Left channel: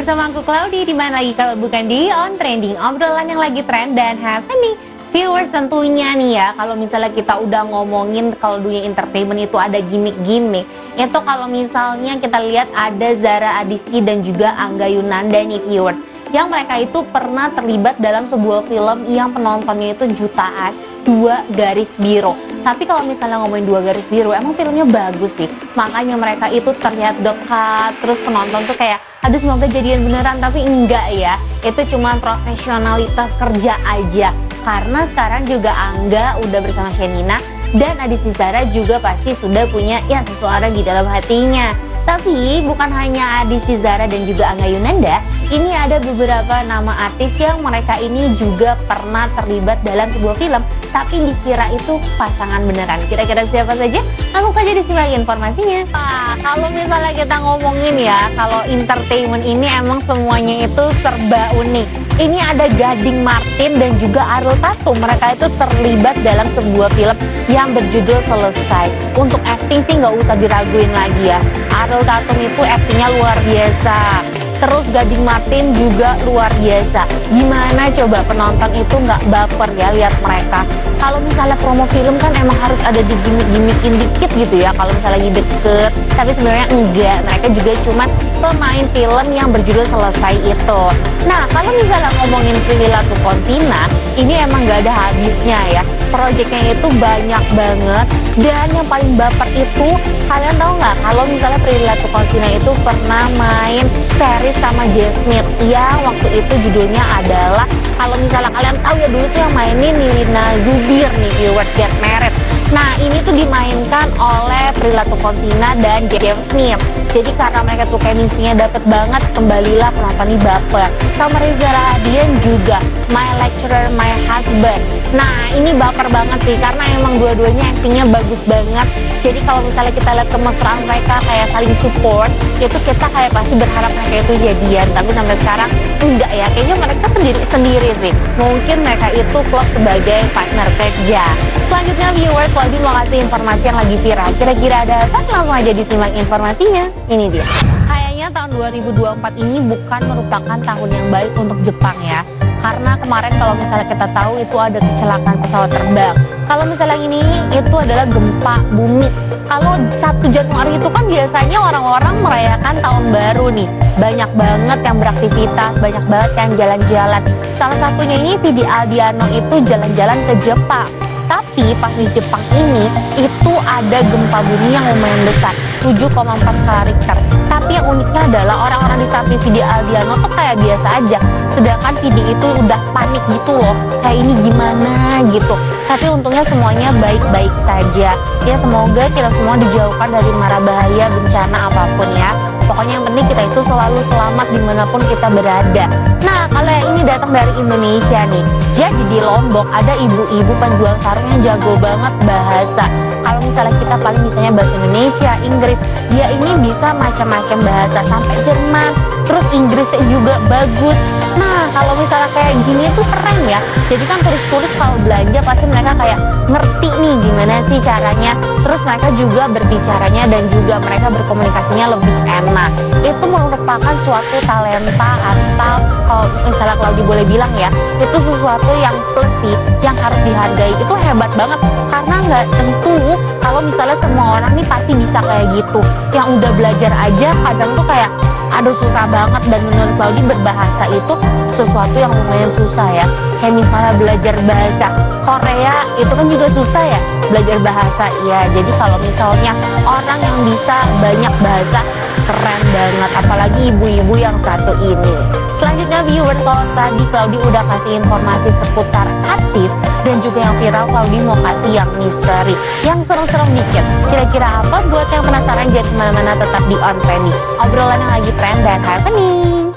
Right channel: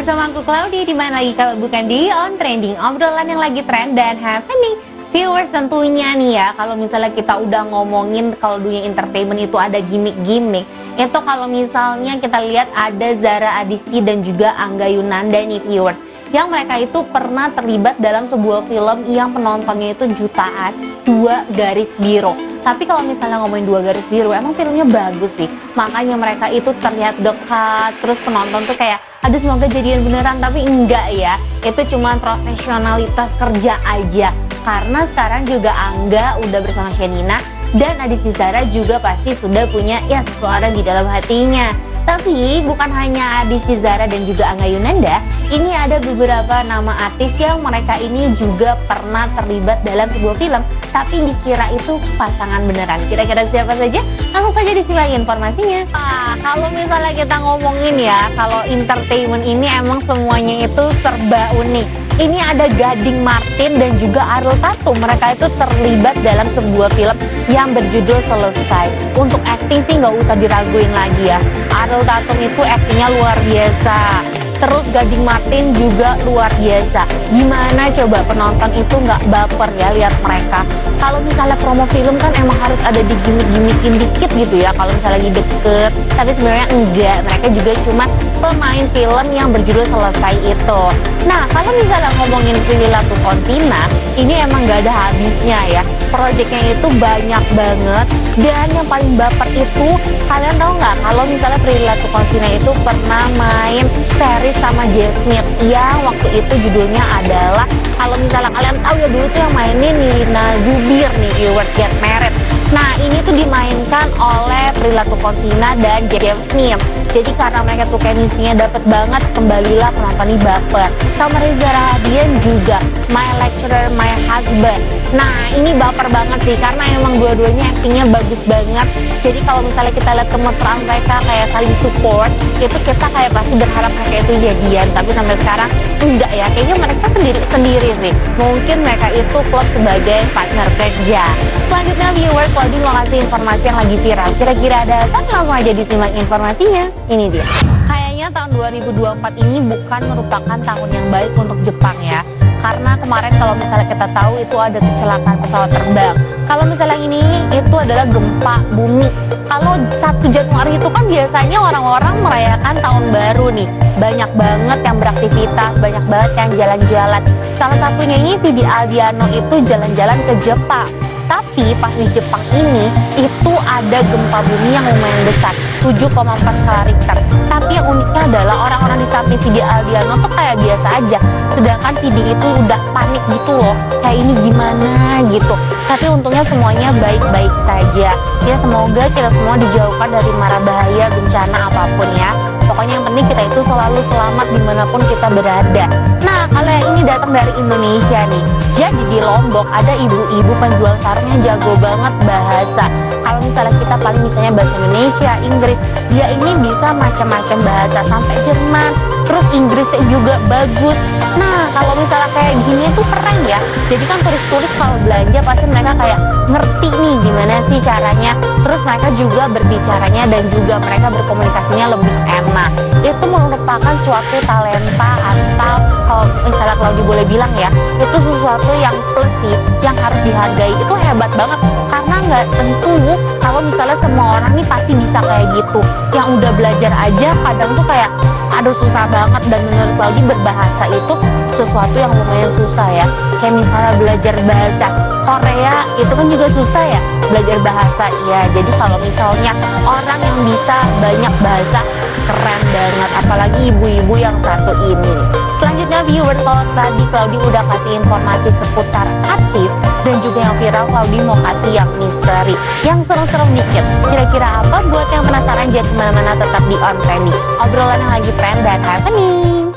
bersama aku Claudia, di mana lagi kalau bukan di On Trending, obrolan yang lagi trend dan happening. Viewers, tentunya nih ya, kalau misalnya kita udah ngomongin kalau dunia entertainment itu ada gimmick-gimmick, itu kalau misalnya kita lihat ada Zara Adisti dan juga Angga Yunanda nih viewers, yang mereka itu pernah terlibat dalam sebuah film yang penontonnya itu jutaan, Dua Garis Biru. Tapi kalau misalnya ngomongin Dua Garis Biru, emang filmnya bagus sih, makanya mereka itu terlihat dekat, terus penonton tuh kayak aduh semoga jadian beneran, tapi enggak ya, itu cuma profesionalitas kerja aja. Karena sekarang juga Angga udah bersama Shenina dan Adisti Zara juga pasti sudah punya ya seseorang di dalam hatinya. Tapi bukan hanya Adisti Zara dan juga Angga Yunanda, ini ada beberapa nama artis yang mereka ini juga pernah terlibat dalam sebuah film, tapi dikira itu pasangan beneran. Kira-kira siapa saja? Langsung saja disimak informasinya. Kalau misalnya kita ngomongin ya, kalau entertainment ini emang semuanya itu serba unik. Ini ada Gading Martin dan juga Ariel Tatum. Mereka itu terlibat dalam sebuah film yang berjudul Selesai. Untuk acting sih nggak usah diraguin lagi ya. Ariel Tatum itu actingnya luar biasa. Terus Gading Martin juga luar biasa. Gimana coba penonton itu nggak baper ya lihat mereka. Kalau misalnya promo film kan emang harus ada di gimmick-gimmickin dikit gitu ya kalau misalnya lagi deket. Tapi sebenarnya enggak, mereka juga cuman pemain film yang berjudul Selesai itu. Nah, kalau misalnya ngomongin Prilly Latuconsina, ini emang gak ada habisnya ya. Proyeknya itu banyak banget, dan yang paling baper itu, kalian tahu nggak kalau misalnya Prilly Latuconsina itu pernah main series sama Jay Smith yang waktu itu judulnya adalah, kalau misalnya kalian tahu ya, dulu tuh yang mainin Nirina Zubir nih viewers, Get Married. Nah, ini tuh dimainkan oleh Prilly Latuconsina dan Jay Smith. Jadi karena mereka tuh chemistry-nya dapet banget, kembalilah penonton nih baper. Sama Reza Rahadian juga, My Lecturer, My Husband. Nah, ini baper banget sih, karena emang dua-duanya actingnya bagus banget. Jadi kalau misalnya kita lihat kemesraan mereka kayak saling support, itu kita kayak pasti berharap mereka itu jadian. Tapi sampai sekarang enggak ya, kayaknya mereka sendiri-sendiri sih. Mungkin mereka itu klop sebagai partner kerja. Selanjutnya viewers, Claudia mau kasih informasi yang lagi viral. Kira-kira ada apa? Langsung aja disimak informasinya. Ini dia. Kayaknya tahun 2024 ini bukan merupakan tahun yang baik untuk Jepang ya. Karena kemarin kalau misalnya kita tahu itu ada kecelakaan pesawat terbang. Kalau misalnya ini itu adalah gempa bumi. Kalau 1 Januari itu kan biasanya orang-orang merayakan tahun baru nih. Banyak banget yang beraktivitas, banyak banget yang jalan-jalan. Salah satunya ini Vidi Aldiano itu jalan-jalan ke Jepang. Tapi pas di Jepang ini itu ada gempa bumi yang lumayan besar, 7,4 skala Richter. Tapi yang uniknya adalah orang-orang di samping Vidi Aldiano tuh kayak biasa aja. Sedangkan Vidi itu udah panik gitu loh, kayak ini gimana gitu. Tapi untungnya semuanya baik-baik saja. Ya semoga kita semua dijauhkan dari mara bahaya bencana apapun ya. Pokoknya yang penting kita itu selalu selamat dimanapun kita berada. Nah, kalau yang ini datang dari Indonesia nih. Jadi di Lombok ada ibu-ibu penjual sarung yang jago banget bahasa. Kalau misalnya kita paling misalnya bahasa Indonesia, Inggris, dia ini bisa macam-macam bahasa sampai Jerman. Terus Inggrisnya juga bagus. Nah, kalau misalnya kayak gini tuh keren ya. Jadi kan turis-turis kalau belanja pasti mereka kayak ngerti nih gimana sih caranya. Terus mereka juga berbicaranya dan juga mereka berkomunikasinya lebih enak. Itu merupakan suatu talenta atau kalau misalnya Claudia boleh bilang ya, itu sesuatu yang plus sih, yang harus dihargai. Itu hebat banget karena nggak tentu kalau misalnya semua orang nih pasti bisa kayak gitu. Yang udah belajar aja kadang tuh kayak aduh susah banget, dan menurut Claudia berbahasa itu sesuatu yang lumayan susah ya. Kayak misalnya belajar bahasa Korea itu kan juga susah ya, belajar bahasa ya. Jadi kalau misalnya orang yang bisa banyak bahasa, keren banget, apalagi ibu-ibu yang satu ini. Selanjutnya viewers, kalau tadi Claudia udah kasih informasi seputar artis dan juga yang viral, Claudia mau kasih yang misteri, yang serem-serem dikit. Kira-kira apa? Buat yang penasaran jangan kemana-mana, tetap di On Trending, obrolan yang lagi trend dan happening.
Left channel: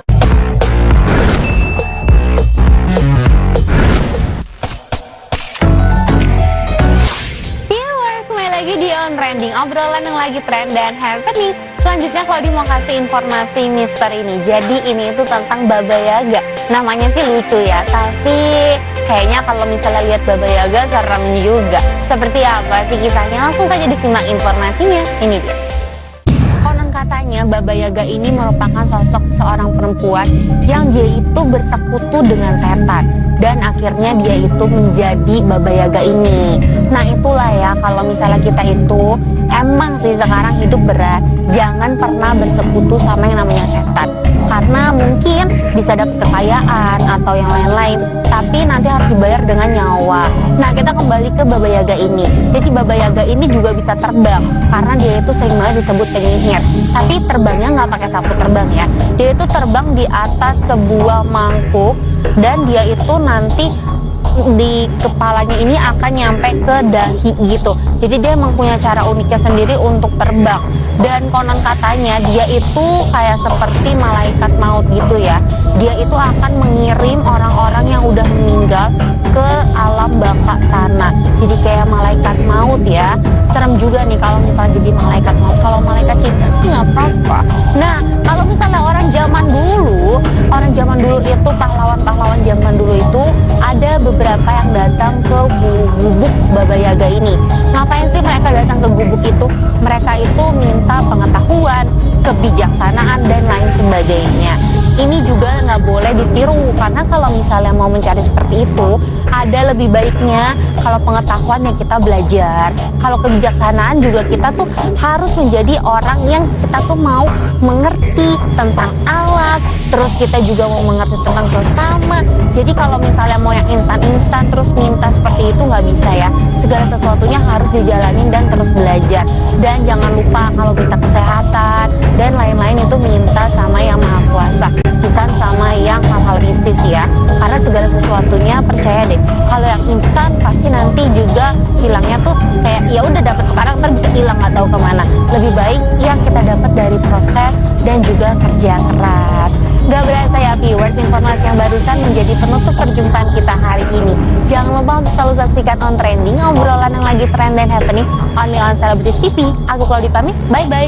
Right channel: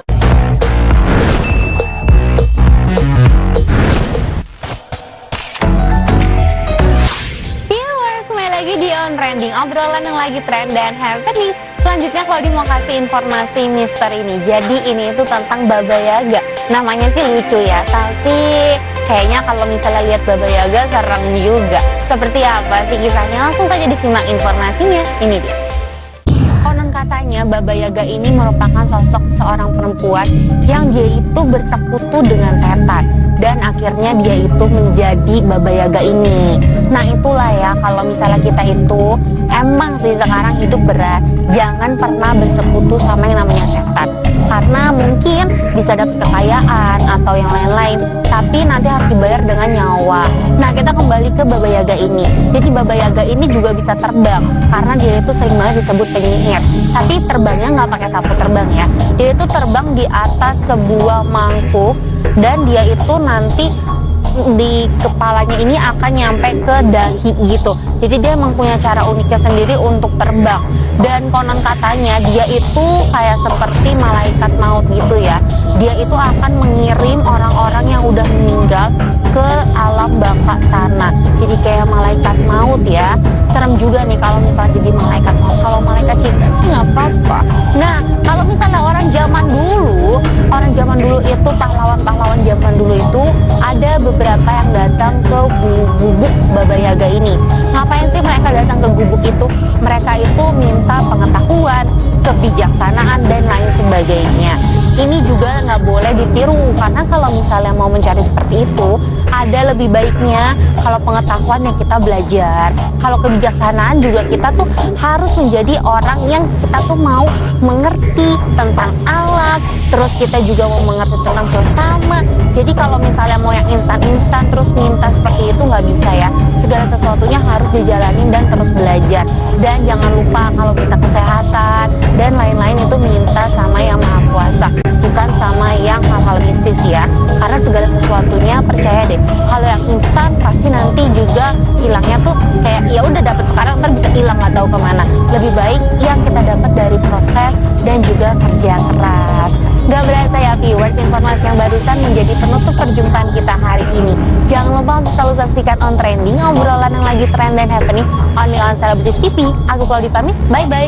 Viewers, kembali lagi di On Trending, obrolan yang lagi trend dan happening. Selanjutnya Claudia mau kasih informasi misteri ini. Jadi ini itu tentang Baba Yaga. Namanya sih lucu ya, tapi kayaknya kalau misalnya lihat Baba Yaga serem juga. Seperti apa sih kisahnya? Langsung saja disimak informasinya. Ini dia. Konon katanya Baba Yaga ini merupakan sosok seorang perempuan yang dia itu bersekutu dengan setan dan akhirnya dia itu menjadi Baba Yaga ini. Nah itulah ya, kalau misalnya kita itu emang sih sekarang hidup berat, jangan pernah bersekutu sama yang namanya setan, karena mungkin bisa dapat kekayaan atau yang lain-lain, tapi nanti harus dibayar dengan nyawa. Nah kita kembali ke Baba Yaga ini. Jadi Baba Yaga ini juga bisa terbang karena dia itu sering banget disebut penyihir. Tapi terbangnya nggak pakai sapu terbang ya. Dia itu terbang di atas sebuah mangkuk dan dia itu nanti di kepalanya ini akan nyampe ke dahi gitu. Jadi dia emang punya cara uniknya sendiri untuk terbang. Dan konon katanya dia itu kayak seperti malaikat maut gitu ya. Dia itu akan mengirim orang-orang yang udah meninggal ke alam baka sana. Jadi kayak malaikat maut ya. Serem juga nih kalau misalnya jadi malaikat maut. Kalau malaikat cinta sih nggak apa-apa. Nah kalau misalnya orang zaman dulu itu pahlawan-pahlawan zaman dulu itu ada beberapa yang datang ke gubuk Baba Yaga ini. Ngapain sih mereka datang ke gubuk itu? Mereka itu minta pengetahuan, kebijaksanaan dan lain sebagainya. Ini juga nggak boleh ditiru, karena kalau misalnya mau mencari seperti itu, ada lebih baiknya kalau pengetahuan yang kita belajar, kalau kebijaksanaan juga kita tuh harus menjadi orang yang kita tuh mau mengerti tentang alam, terus kita juga mau mengerti tentang sesama. Jadi kalau misalnya mau yang instan-instan terus minta seperti itu nggak bisa ya. Segala sesuatunya harus dijalanin dan terus belajar. Dan jangan lupa kalau minta kesehatan dan lain-lain itu minta sama yang Maha Kuasa, bukan sama yang hal-hal mistis ya. Karena segala sesuatunya percaya deh, kalau yang instan pasti nanti juga hilangnya tuh kayak ya udah dapat sekarang ntar bisa hilang nggak tahu kemana. Lebih baik yang kita dapat dari proses dan juga kerja keras. Gak berasa ya viewers, informasi yang barusan menjadi penutup perjumpaan kita hari ini. Jangan lupa untuk selalu saksikan On Trending, obrolan yang lagi trend dan happening only on Celebrities TV. Aku Claudia pamit, bye bye.